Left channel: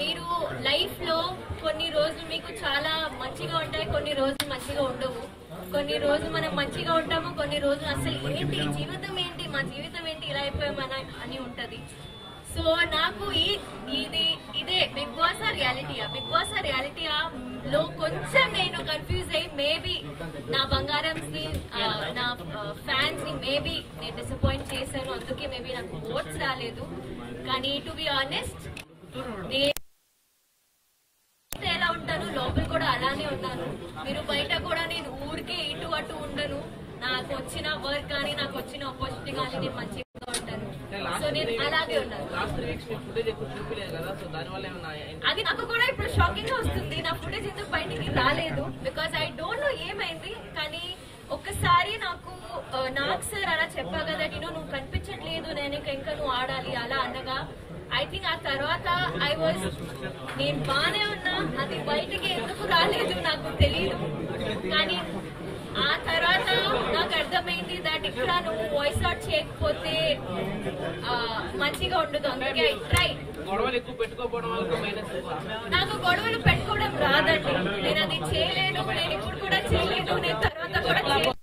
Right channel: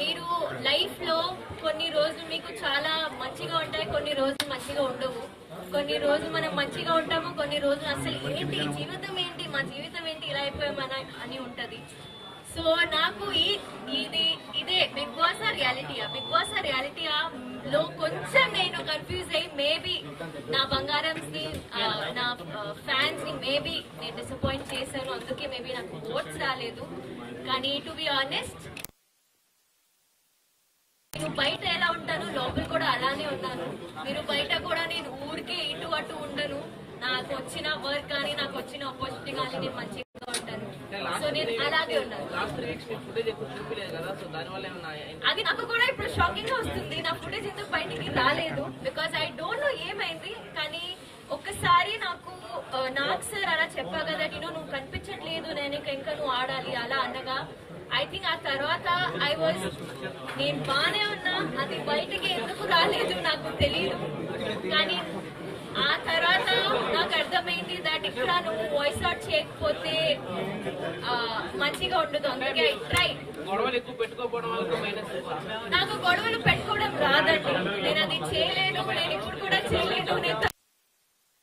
మీరు లైఫ్ లో కొన్ని రోజులు మీకు చాలా మంచిగా ఉంటాయి, కొన్ని రోజులు మంచిగా ఉండవు. కొన్ని రోజులు మనం మంచిగా ఉంటాము, కొన్ని రోజులు అసలు ఏంటి జీవితం ఏంటి, మా జీవితం ఏంటి ఇలా అయిపోయామన అని ఉంటది. సో నాకు ఇదే బిగ్ బాస్ రియాలిటీయా లో కొంచెం నేను కన్ఫ్యూజ్ అయ్యి మేబీ నా బంగారం ని నా ఫ్యాన్స్ ని మేబీ నేను డిసప్పాయింట్ చేశాను, అందుకే మేబీ నాకు ఓట్స్ రాలేదు. కానీ టు బి ఆనెస్ట్ నేను బయట ఎలా ఉంటాను లోపల కూడా అలానే ఉన్నాను. మీరు బయట కూడా నేను ఊరికే ఇటు అటు ఉండను. నాకు వచ్చిన వర్క్ కానీ నాకు వచ్చిన ఆపర్చునిటీ కానీ నేను మంచిగా ఉంటాను. సో నేను అలాగే ఉన్నాను. అది నాకు కూడా ఇప్పుడు షాకింగ్ గా వస్తుంది. నా ఫుటేజ్ ఎందుకు బయటికి రాలేదు బికాస్ ఐ డోంట్ నో ఏమైంది. కానీ ఒక్కసారి నాకు సార్ అలా చెప్పా కదా, నువ్వు కనిపించట్లేదు, నేను ఇంకా నువ్వు ఆడాలి అలా అనగా ఐ థింక్ ఆ తర్వాత నేను బానే ఉన్నా, అది బయటికి ఎందుకు రాలేదు నాకు తెలియదు. కానీ ఆ తర్వాత నాకు అర్థమైంది దట్ ఇక్కడ నువ్వు వాయిస్ అవుట్ చేయకపోతే మంచిగా ఉండదు. అందుకే ఐ ట్రై. నాకు గొడవలు పెట్టుకోవడం రాదండి, నేను అది చేయలేదు, నేను ఇప్పుడు కూడా చేయలేదు, నేను తర్వాత కూడా చేయలేదు.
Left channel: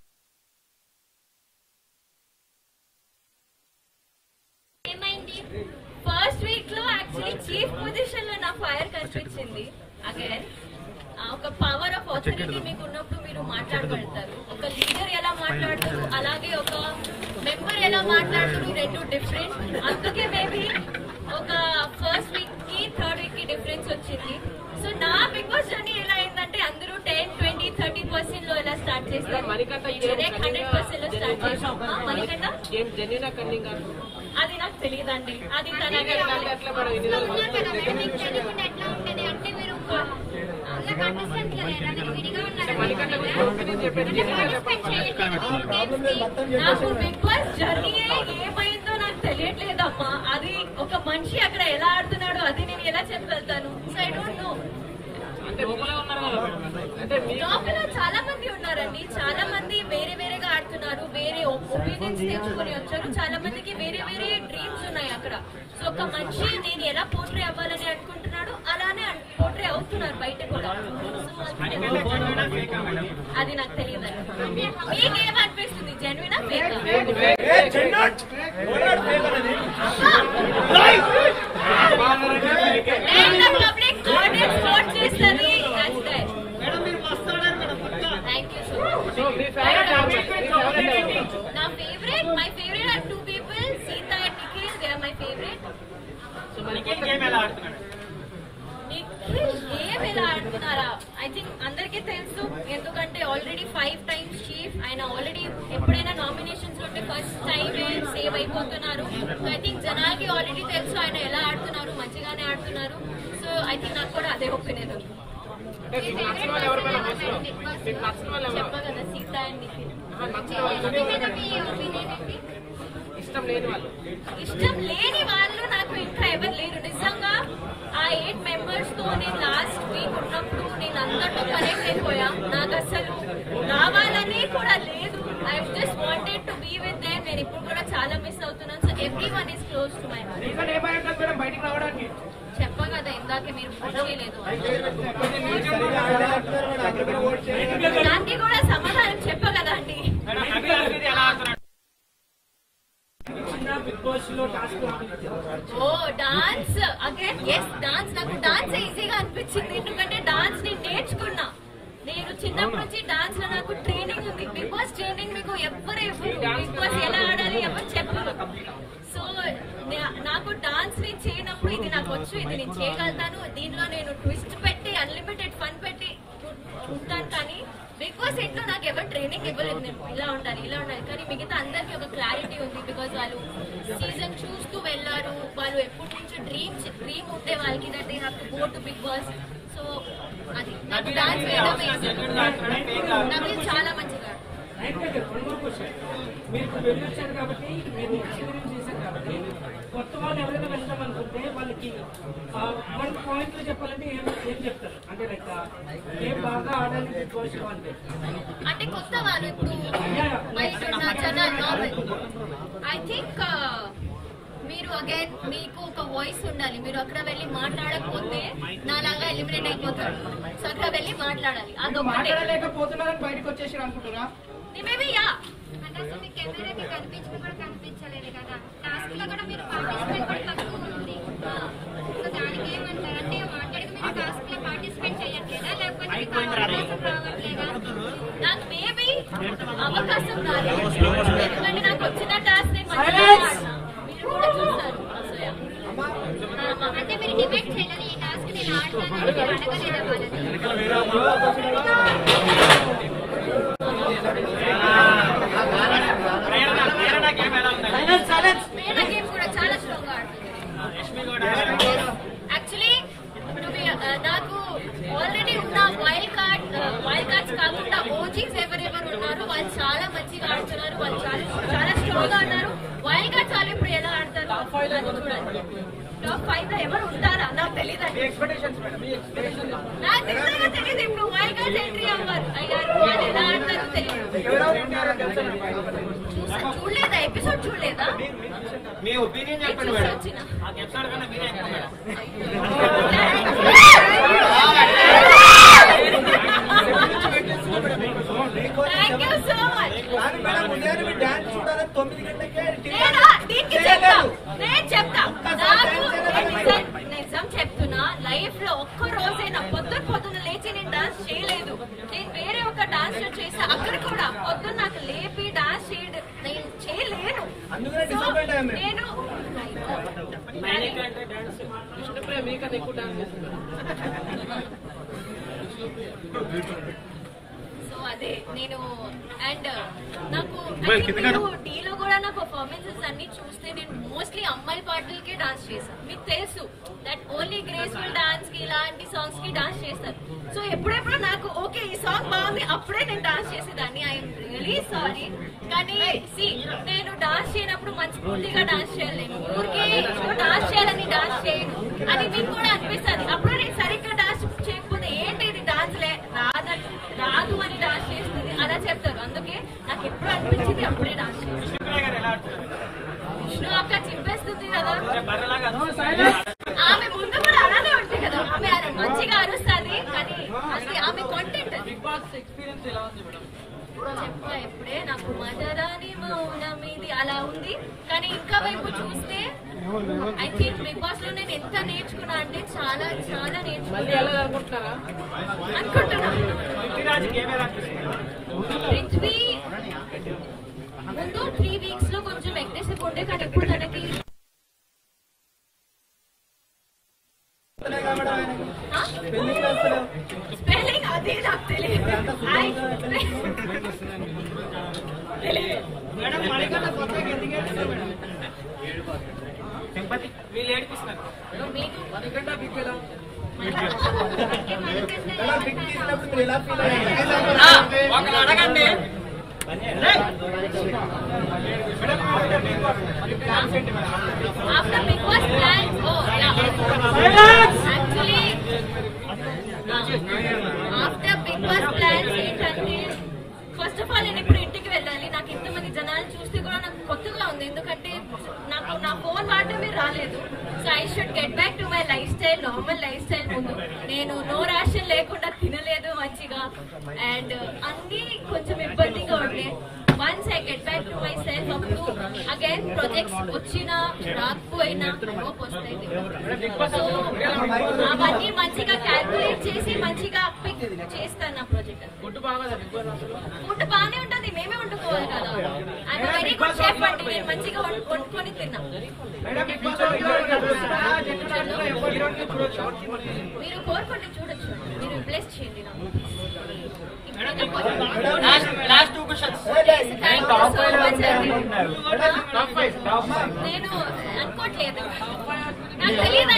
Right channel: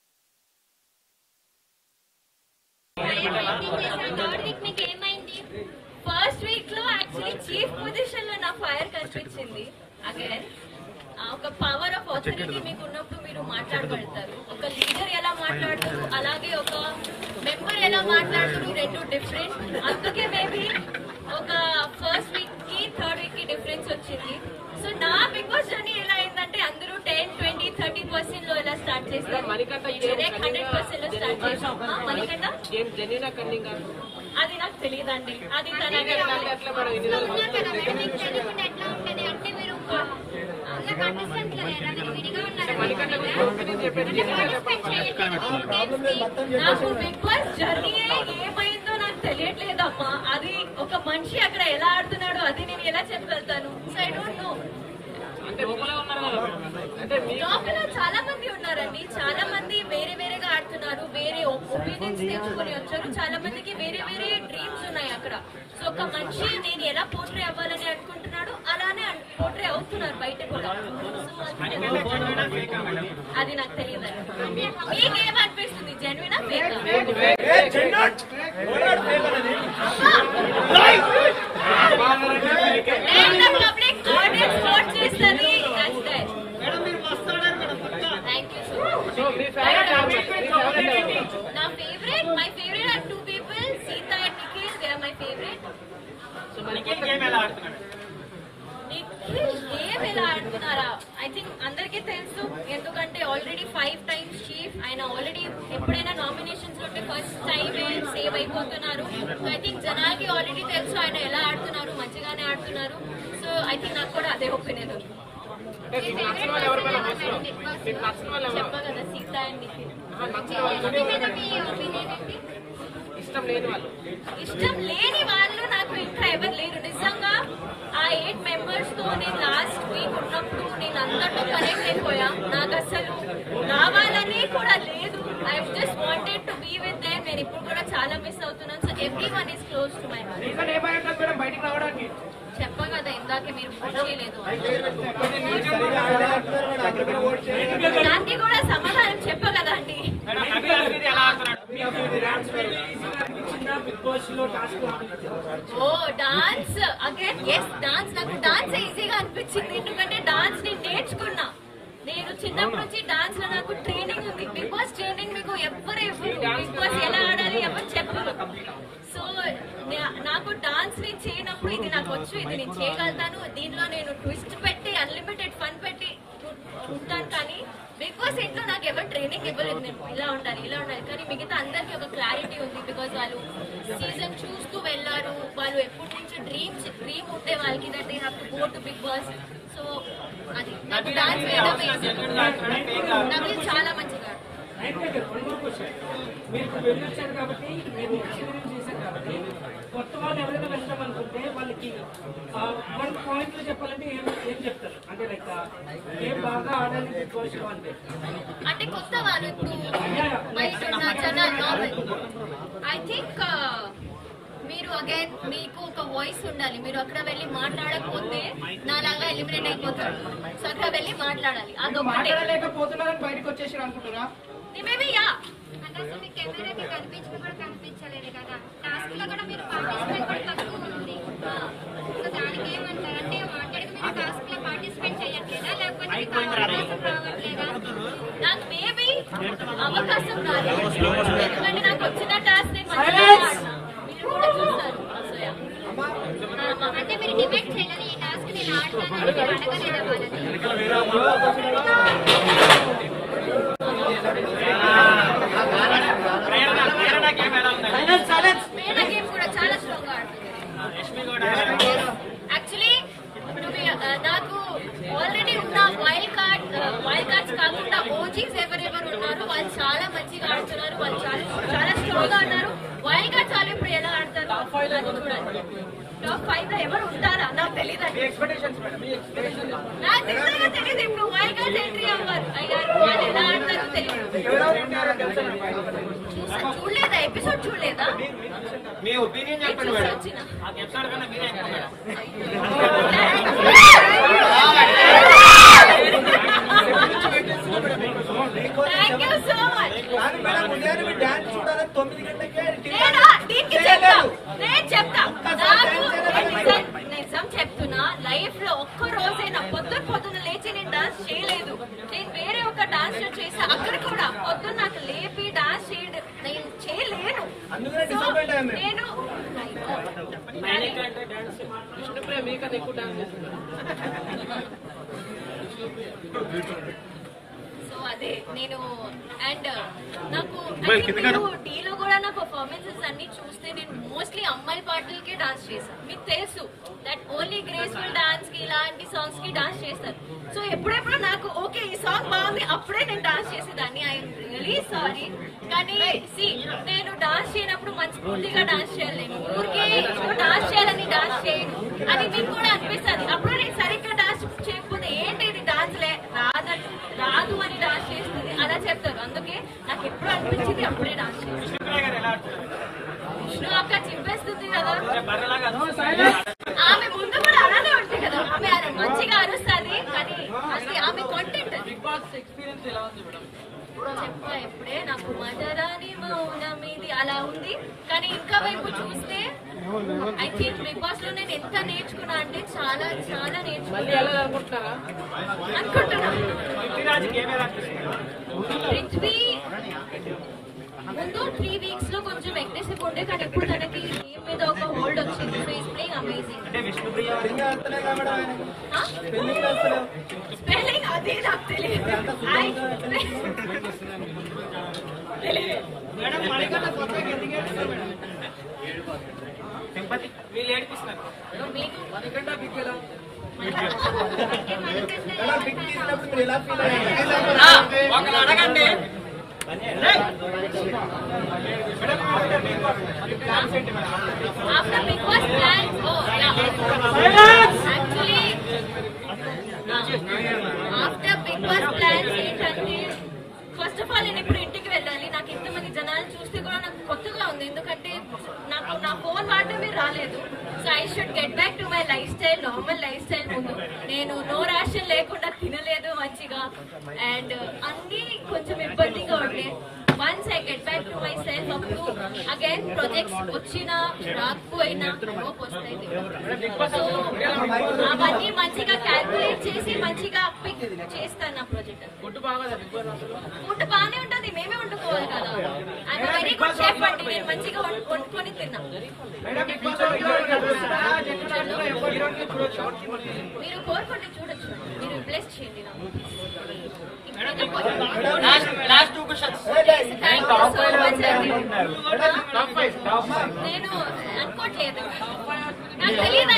మీకు ఏమైంది? ఫస్ట్ వీక్ లో యాక్చువల్లీ చీఫ్ పొజిషన్ లో నా ఫైర్ కనిపించింది. అగైన్ ఒక పవర్ ఆఫ్ ఆథారిటీ మీకు ఉన్నప్పుడు మీరు మాట్లాడగలుగుతారు. ఒక లీడర్ ఎలా మాట్లాడుతారు, అలాగే ఒక మెంబర్ ఎలా మాట్లాడుతారు, రెండు డిఫరెంట్. అందుకే మేబీ ఒక ఫస్ట్ వీక్ కి థర్డ్ వీక్ కి డిఫరెన్స్ వచ్చింది. సో నా బిగ్ బాస్ జర్నీ ఎలా అయిందంటే అందరూ 10, 20, 30% లో ఎలా స్టార్ట్ చేస్తారు, 100% లో స్టార్ట్ చేస్తాం. మణికంఠ అది నాకు తెలియదండి, అది తనకే అంటే మీరు నాకు బిగ్ బాస్ జర్నీ ఏమైందో నాకు తెలియట్లేదమ్మా. అది ఒక మనిషి అక్కడ ఎలా ఆడుతున్నాడో అది నేను ఎలా చెప్పగలుగుతాను. So I don't know. లోపల చాలా మంది ఉన్నారండి, చాలా మంది వేరే వేరేగా ఆడుతున్నారు, వేరే ఒపీనియన్స్ తెచ్చుకొని వచ్చారు. చాలా మందికి వేరే వేరే డ్రీమ్స్ ఉన్నాయి అక్కడ. సో ఒక మనిషి నేను ఎలా పోర్ట్రే అవ్వాలని అనుకుంటున్నాడు అలానే పోర్ట్రే అవుతున్నారు బయట కూడా. అది నాకు తెలియదు. మీకేమనిపిస్తుంది, జెన్యునా ఫేకా? పబ్లిక్ ఆడియన్స్ ఓట్ చేస్తుంది. నా favourite, my favourite are 2 people, Sita and Nikhil. They are my favourite. Nikhil game ఎలా ఆడుతున్నారా? ఐ థింక్ అందరికీ తెలుసు, ఎందుకంటే ఆల్రెడీ 5 times చీఫ్. ఆయన ఆల్రెడీ ఎప్పుడైనా నామినేషన్స్ ఉంటే ఫస్ట్ టైం సేవ్ అయిపోతున్నారు. సో ఐ థింక్ జనాలకి ఆల్రెడీ తెలుసు ఆయన ఎలా ఆడుతున్నారు, మంచిగానే ఆడుతున్నారు. సో ఐ థింక్ నాకు కూడా అదే ఒపీనియన్ ఉంది. చెప్పా కదా, సీత అండ్ నిఖిల్. ఇష్టం లేని వాళ్ళు నాకు ఇంకా ఎవరు లేరు నిజంగా. ఆ 8 members తో నేను లాస్ట్ వీక్ ఉన్నప్పుడు నేను అందరితో కనెక్ట్ అయిపోయా. నాకు అసలు రావాలని కూడా లేదు. I just wanted to be with them. నేను ఇప్పుడు కూడా చాలా మిస్ అవుతున్నాను. So everyone is close to my heart. చెప్పా కదా ఇందాకే, మీరు చేయలేదు. దానికి కూడా సమాధానం చెప్పా కదా అండి. Oh dance again. Yes, dance. నాకు డాన్స్ ఈజీగా అనిపించింది, ఎందుకంటే డాన్స్ నేను నేర్చుకున్నా. నేను చిన్నప్పటి నుంచి డాన్స్ లో నాకు ట్రైనింగ్ ఉంది. బిగ్ బాస్ ట్రైనింగ్ మీకు ఎవరు ఇవ్వరు, బిగ్ బాస్ ఎలా ఆడాలి ఎవరు చెప్పరు. సో నాకు డాన్స్ నేను చేయనప్పుడు ఇది నాకు వచ్చు, ఇది నేను చేయగలుగుతాను. దీనిలో నేను ట్విస్ట్ పెట్టి అన్లిమిటెడ్ ఫన్ పెట్టి ఉంటాను. కానీ బిగ్ బాస్ ఇంట్లో నాకు ఎవరు ట్రైనింగ్ ఇవ్వలేదు, నేను ఇలా ఉండాలి ఇలా ఉండాలి. కానీ మిగతా అందరికీ ఒక క్లారిటీ ఉంది, బికాజ్ వాళ్ళు సీజన్ చూస్తూ వెళ్ళారు. వాళ్ళు ఎప్పటి నుంచి డ్రీమ్ ఉంటే వాళ్ళకి that they have to go to Bigg Boss. So అది నాకు డాన్స్ వేయడం నాకు చాలా మంచిగా. కొత్త వాళ్ళు ఎవరైనా వెళ్తాం అనుకుంటే వాళ్ళకి 1 point లో చెప్పాలంటే ఏం చెప్తారు? అంటే లైక్ ఏం బాగా ఆడాలి అంటే కొత్త వాళ్ళు ఇప్పుడు బయట ఉన్న జనాలు. ఐ థింక్ మీరు అగైన్ మీకు ఒక వాయిస్ ఉండాలి. మీరు అక్కడ వెళ్ళి మాట్లాడకపోతే నాలాగా ఎలిమినేట్ అయిపోతారు. సో అక్కడ వెళ్ళి మాట్లాడాలి. అదొకటి. మాట్లాడలేకపోతున్నారని బయటకు వచ్చేసి అనుకుంటున్నా. Maybe yeah. అంటే అసలు కెమెరాకి కనిపించింది కూడా కనిపించలేదు కదా. టాస్క్ లో కూడా మీరు పార్టిసిపేట్ కూడా తక్కువ ఉంది. సో దానికి ఏమంటారు అంటే మాట్లాడి మీరు టాస్క్ లో పార్టిసిపేట్ చేయట్లేదా లేకపోతే మీకు అవకాశం రావట్లేదా? నాకు మేబీ అవకాశం రాలేదు. ఎందుకంటే నాకు వచ్చిన టాస్క్ నేను మంచిగా ఆడినా. మీరు కూడా చూస్తారు. So, yeah. అంటే మీరు డిబేట్ చేయలేదు ఈ టాస్క్ నేను ఆడతాను మీరు అడగలేదా వేరే గేమ్ కూడా చాలా స్ట్రాంగ్ ఆడుతుంది. యాక్చువల్లీ నాకు ఆల్రెడీ ఉన్న వైల్డ్ కార్డ్స్ కాకుండా ఓజీస్ ఎవరెవరు ఉన్నారో వాళ్ళు చాలా మంచిగా ఆడుతున్నారు. వాళ్ళు చాలా స్ట్రాంగ్ గా ఉన్నారు. వైల్డ్ కార్డ్స్ వాళ్ళు ఇప్పుడు ఎలా ఆడతారు చూడాలి. టాప్ 5 లో ఎవరు ఉంటారా నాకు తెలియదు. నాకు తెలియదు. ఇప్పుడు వైల్డ్ కార్డ్స్ ఎంట్రీ అవ్వరు. అయ్యారు వాళ్ళు ఎలా ఆడతారో తెలియదు. చూడలేదా ఎపిసోడ్? చూడలేదా? మీ ఒపీనియన్ చెప్పండి మేడం. ఆ ఎపిసోడ్ కన్నా మీరే థ్యాంక్ యూ సో మచ్. నేను చెప్తా నిజం చెప్తున్నా. లైఫ్ లో ఒక్క రోజైనా పొద్దున్న లేచి నేను డాన్స్ చేయలేదు. నేను వేరే ఒక డాన్స్ లో చేసా. అక్కడ కూడా పొద్దున్న నాకు లేపి డాన్స్ నేను చేయలేను. నేను సో అదే నేను అండ్ నాకు డీలో కూడా నా పర్ఫార్మెన్సెస్ అన్ని చూస్తే నేను మోస్ట్లీ అమ్మాయి పాటలకే డాన్స్ చేశాను. మీకు తెలుసు దట్ ఓన్లీ గ్రేస్ఫుల్ డాన్స్ కి ఇలాంటి సాంగ్స్ కి డాన్స్ చేస్తాను. సో ఎప్పుడెప్పుడు నాకు ఓకే ఈ సాంగ్ బాగుంది అప్పుడే నేను డాన్స్ చేసేదాన్ని. I'm really sorry. కానీ నేను డాన్స్ చేయనప్పుడు మంచి పూర్తిగా డాన్స్ చేయలేను. ఊరికే డాన్స్ చేయాలని డాన్స్ చేయను అని మీకు కూడా అనిపిస్తుంది. అప్పుడు నేను సరిగ్గా డాన్స్ చేయకపోతే ఏంటి ఇది డాన్స్ రాదు అని డాన్స్ చేస్తుంది అలా చెప్తారు. అందుకే నాకు ఎప్పుడు అనిపించింది అప్పుడే డాన్స్ చేస్తాను. విష్ణు అక్క చింపేస్తుంది కదా. ఆమె ముందు కూడా అలానే ఉంటుంది కదా. ఆమె మంచిగా అరుస్తుంది. కానీ అది ఆమె కాంటెంట్. చెప్తా ఇప్పుడే నాకు మదరాని మౌనం ఇది అలా ఉంది. కానీ ఇంకా వైపు చూస్తే ఐ థింక్ బిగ్ బాస్ లో నేను ఎంత నేర్చుకున్నా అంటే చాలా చాలా నేర్చుకున్నా అనుకుంటున్నా. పృథ్వీ ముందు 3 weeks లో కొంచెం అగ్రెసివ్ ఉండే. కానీ ఇప్పుడు తనకి గేమ్ మీద ఒక హోల్డ్ వచ్చింది. So is playing amazing. Spelling అది నాకు తెలియదు. వీళ్ళు ఏడిపిస్తున్నారు. ఒకరు అడగండి. After Big Boss plans, actually, after Big Boss plans ఏంటంటే ఫస్ట్ ఆఫ్ ఆల్ నేను ఇప్పుడు ఇంటికి వెళ్ళాలి. నాకు ఇంతమంది జనాలు చూస్తే కూడా నాకు కొత్తగా ఉంది. ఎందుకంటే నాకు నా ఫోన్ వాడటమే రాలేదు. So I should get back to my life style, normal life style. ముందు నేను నో రేషన్ లేకుండా తినలేదు మంచిగా అండ్ అన్ని కొంచెం ఇబ్బందిగా ఉండే. Once I get back to my self అప్పుడు అగైన్ ప్రాజెక్ట్స్ వచ్చినా రాకపోయినా హోప్ వస్తాయి. సో అవన్నీ మంచిగా క్యాల్కులేట్ చేసి మంచిగా పిక్ చేస్తాను నా ప్రాజెక్ట్. ఫుడ్ బాగానే ఉంటుంది. మేమే వండుకోవాలి కదా. అండ్ వెరీ గుడ్ షెఫ్ అంటే నేను మంచిగా వండుకొని తిన్నా. మీరు కోరుకుంటే చూడొచ్చు. మీరు రిప్లేస్ చేయండి నాకు. Last 2 questions. నేను అనుకోవట్లేదు. నాకు తెలియదు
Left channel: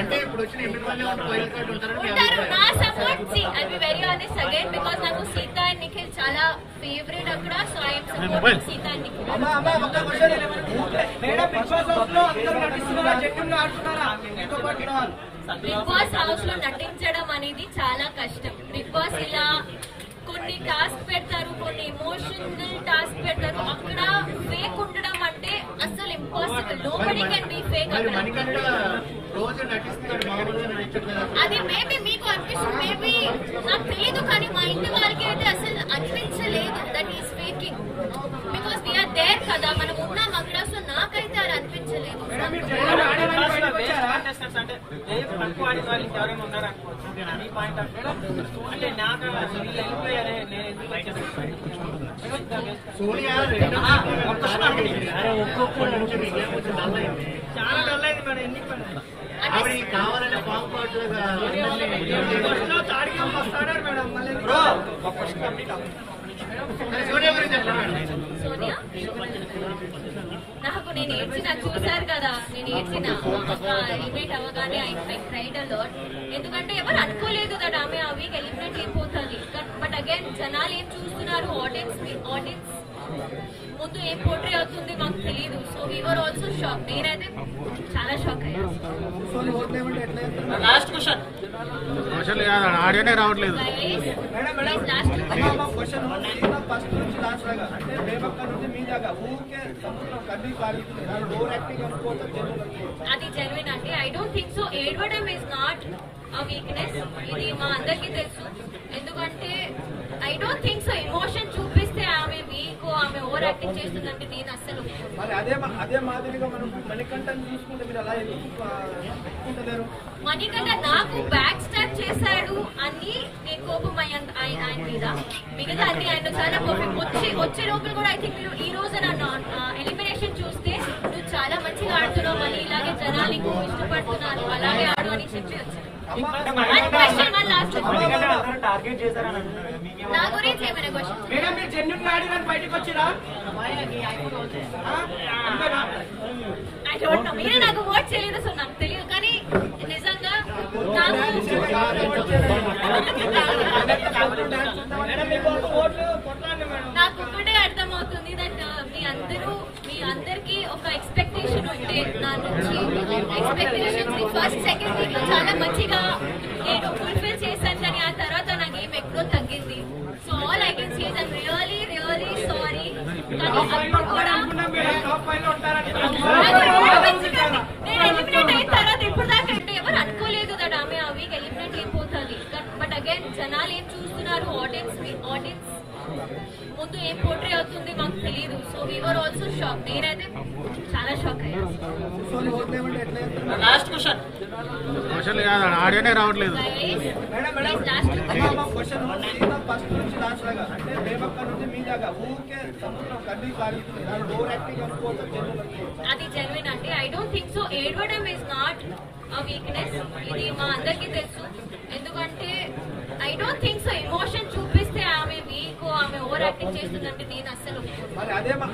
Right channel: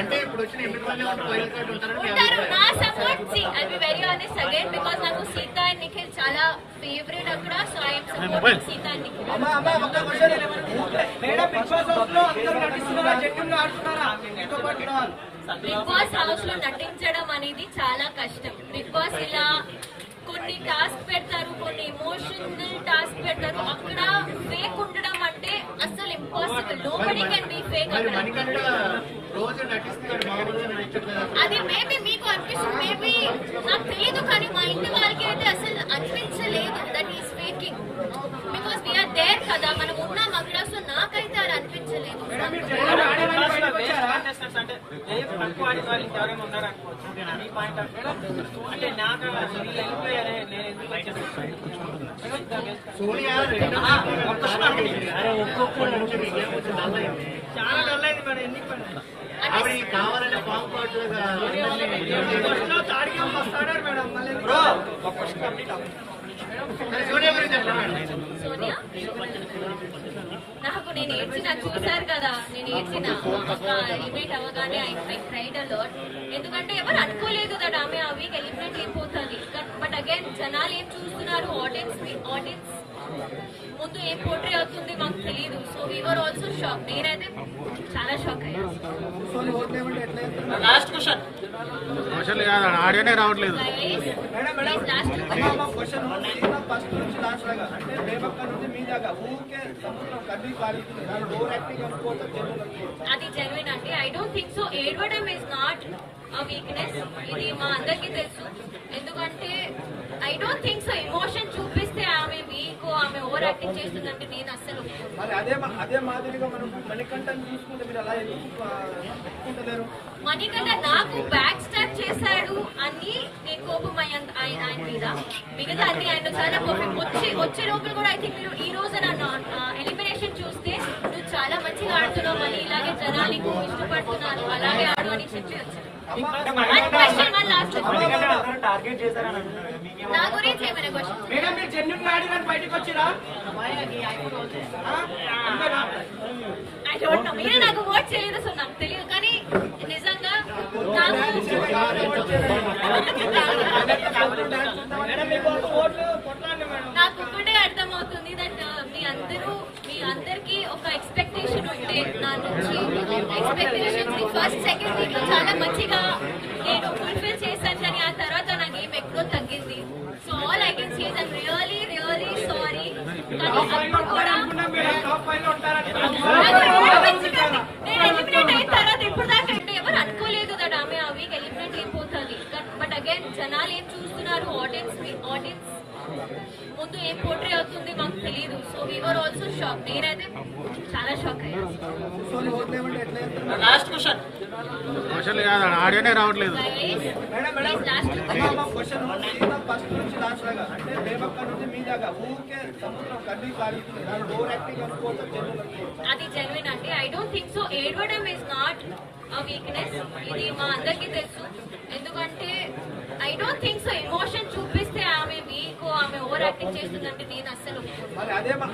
అంటే ఇప్పుడు వచ్చిన ఉంటారు నా support. I be very honest again because నాకు సీత అండ్ నిఖిల్ చాలా ఫేవరెట్ అక్కడ. So I support Sita and Nikhil. Bigg Boss house లో నటించడం అనేది చాలా కష్టం. బిగ్ బాస్ ఇలా కొన్ని టాస్క్ పెడతారు, కొన్ని ఎమోషనల్ టాస్క్ పెడతారు. అక్కడ ఫేక్ ఉండడం అంటే అసలు impossible. Nobody can be fake. అది మేబీ మీకు అనిపిస్తుంది, మేబీ నాకు తెలియదు, కానీ మా ఇంటి వారికి అయితే అసలు అనిపించలేదు that is faking. Because they are there కదా, మనం ఉన్నాం అక్కడ. సో నాకైతే అది అనిపించలేదు. అంటే నాకు వెళ్ళిపోయారే, నేను చాలా డల్ అయింది మేడం. ఎందుకు కావాలంటే పాంపాట్లుగా మేడం మళ్ళీ సోనియా నాకు నేను ఏడ్చిన చూసారు కదా, నేను ఏడ్చిన ఎలిమినేట్ అవ్వగానే ఐ క్రైడ్ అ లాట్. ఎందుకంటే ఎవరు అనుకోలేదు కదా ఆమె ఆ వీక్ ఎలిమినేట్ అయిపోతుంది. బట్ అగైన్ జనాలు ఏం చూస్తున్నారు, ఆడియన్స్ ముందు ఏం పోట్రే అవుతుంది మాకు తెలియదు. So we are also shock. నేనైతే చాలా షాక్ అయ్యాను. లాస్ట్ క్వశ్చన్ ఆడియోనే రావట్లేదు. అది జెన్యున్ అండి. I don't think so. ఏడవడం ఇస్ నాట్ అ వీక్నెస్, ఇది మా అందరికీ తెలుసు. ఎందుకంటే I don't think so emotion చూపిస్తే ఆమె వీక్, ఆమె ఓవర్ యాక్టింగ్ చేస్తుందంటే నేను అసలు. అదే మాదిరిగా మనం మణికంఠని చూసుకుంటే మీరు అలా ఎందుకుంటలేరు? మణికంఠ నాకు బ్యాక్ స్టాప్ చేశాడు అని నేను కోపం ఆయన మీద. మిగతా అన్ని ఆయన చాలా కోపం వచ్చే లోపల కూడా ఐ థింక్ మీరు ఈ రోజు నన్ను ఎలిమినేషన్ చూస్తే నువ్వు చాలా మంచిగా ఆడుతున్నావు, మళ్ళీ ఇలాగే జనాలు ఇష్టపడుతున్నారు, అలాగే ఆడు అని చెప్పి వచ్చారు. టార్గెట్ చేశారని నా గురించి ఏమైనా క్వశ్చన్? మేడం మీరు జెన్యున్ ఆడిన బయటకు వచ్చిరా? I don't know. మీరే నాకు ఓట్ చేయలేదు, సో నాకు తెలియదు. కానీ నిజంగా నాకు ఒక్కటే అర్థమవుతుంది దట్ మీ అందరికీ ఒక ఎక్స్పెక్టేషన్ ఉంటే నా నుంచి. ఎక్స్పెక్టేషన్ ఫస్ట్ సెకండ్ వీక్ లో చాలా మంచిగా నేను ఫుల్ఫిల్ చేశాను, కానీ ఆ తర్వాత నాకు ఏం ఎక్కువ తగ్గింది. So all I can say that really really sorry. కానీ అప్పుడు కూడా నేను ఎలిమినేట్ అయిన తర్వాత ఇప్పుడు దాకా అంటే ఎవరు అనుకోలేదు కదా ఆమె ఆ వీక్ ఎలిమినేట్ అయిపోతుంది. బట్ అగైన్ జనాలు ఏం చూస్తున్నారు, ఆడియన్స్ ముందు ఏం పోట్రే అవుతుంది మాకు తెలియదు. So we are also shock. నేనైతే చాలా షాక్ అయ్యాను. లాస్ట్ క్వశ్చన్ ఆడియోనే రావట్లేదు. అది జెన్యున్ అండి. I don't think so. ఏడవడం ఇస్ నాట్ అ వీక్నెస్, ఇది మా అందరికీ తెలుసు. ఎందుకంటే I don't think so emotion చూపిస్తే ఆమె వీక్, ఆమె ఓవర్ యాక్టింగ్ చేస్తుందంటే నేను అసలు.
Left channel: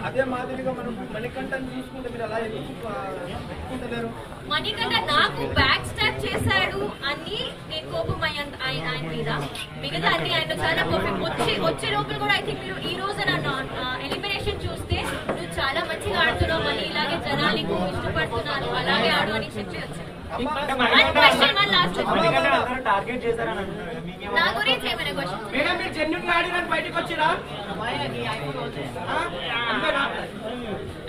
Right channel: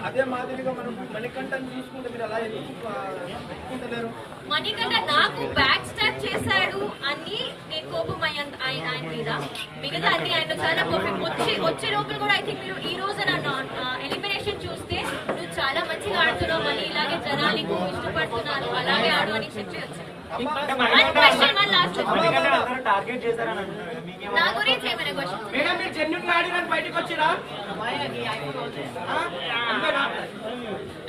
అదే మాదిరిగా మనం మణికంఠని చూసుకుంటే మీరు అలా ఎందుకుంటలేరు? మణికంఠ నాకు బ్యాక్ స్టాప్ చేశాడు అని నేను కోపం ఆయన మీద. మిగతా అన్ని ఆయన చాలా కోపం వచ్చే లోపల కూడా ఐ థింక్ మీరు ఈ రోజు నన్ను ఎలిమినేషన్ చూస్తే నువ్వు చాలా మంచిగా ఆడుతున్నావు, మళ్ళీ ఇలాగే జనాలు ఇష్టపడుతున్నారు, అలాగే ఆడు అని చెప్పి వచ్చారు. టార్గెట్ చేశారని నా గురించి ఏమైనా క్వశ్చన్? మేడం మీరు జెన్యున్ ఆడిన బయటకు వచ్చిరా?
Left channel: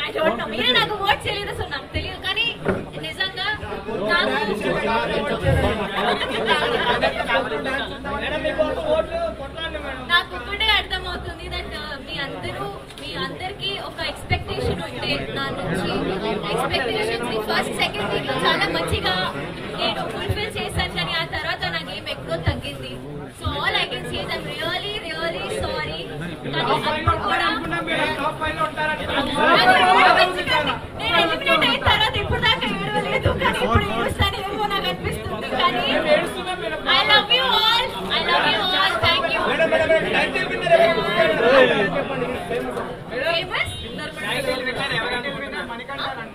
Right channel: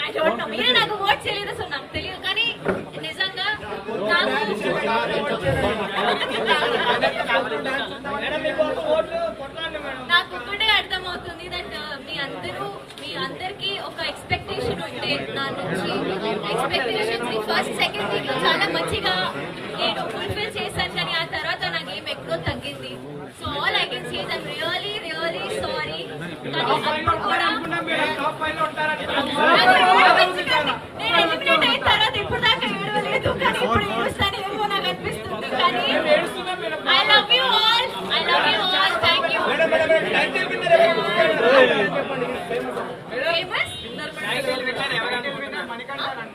I don't know. మీరే నాకు ఓట్ చేయలేదు, సో నాకు తెలియదు. కానీ నిజంగా నాకు ఒక్కటే అర్థమవుతుంది దట్ మీ అందరికీ ఒక ఎక్స్పెక్టేషన్ ఉంటే నా నుంచి. ఎక్స్పెక్టేషన్ ఫస్ట్ సెకండ్ వీక్ లో చాలా మంచిగా నేను ఫుల్ఫిల్ చేశాను, కానీ ఆ తర్వాత నాకు ఏం ఎక్కువ తగ్గింది. So all I can say that really really sorry. కానీ అప్పుడు కూడా నేను ఎలిమినేట్ అయిన తర్వాత ఇప్పుడు దాకా ఏడవలేదు, కానీ ఇప్పుడు ఏడుస్తాను ఏమో నాకు అనిపిస్తుంది. కానీ I love you all, I love you all. Thank you. Famous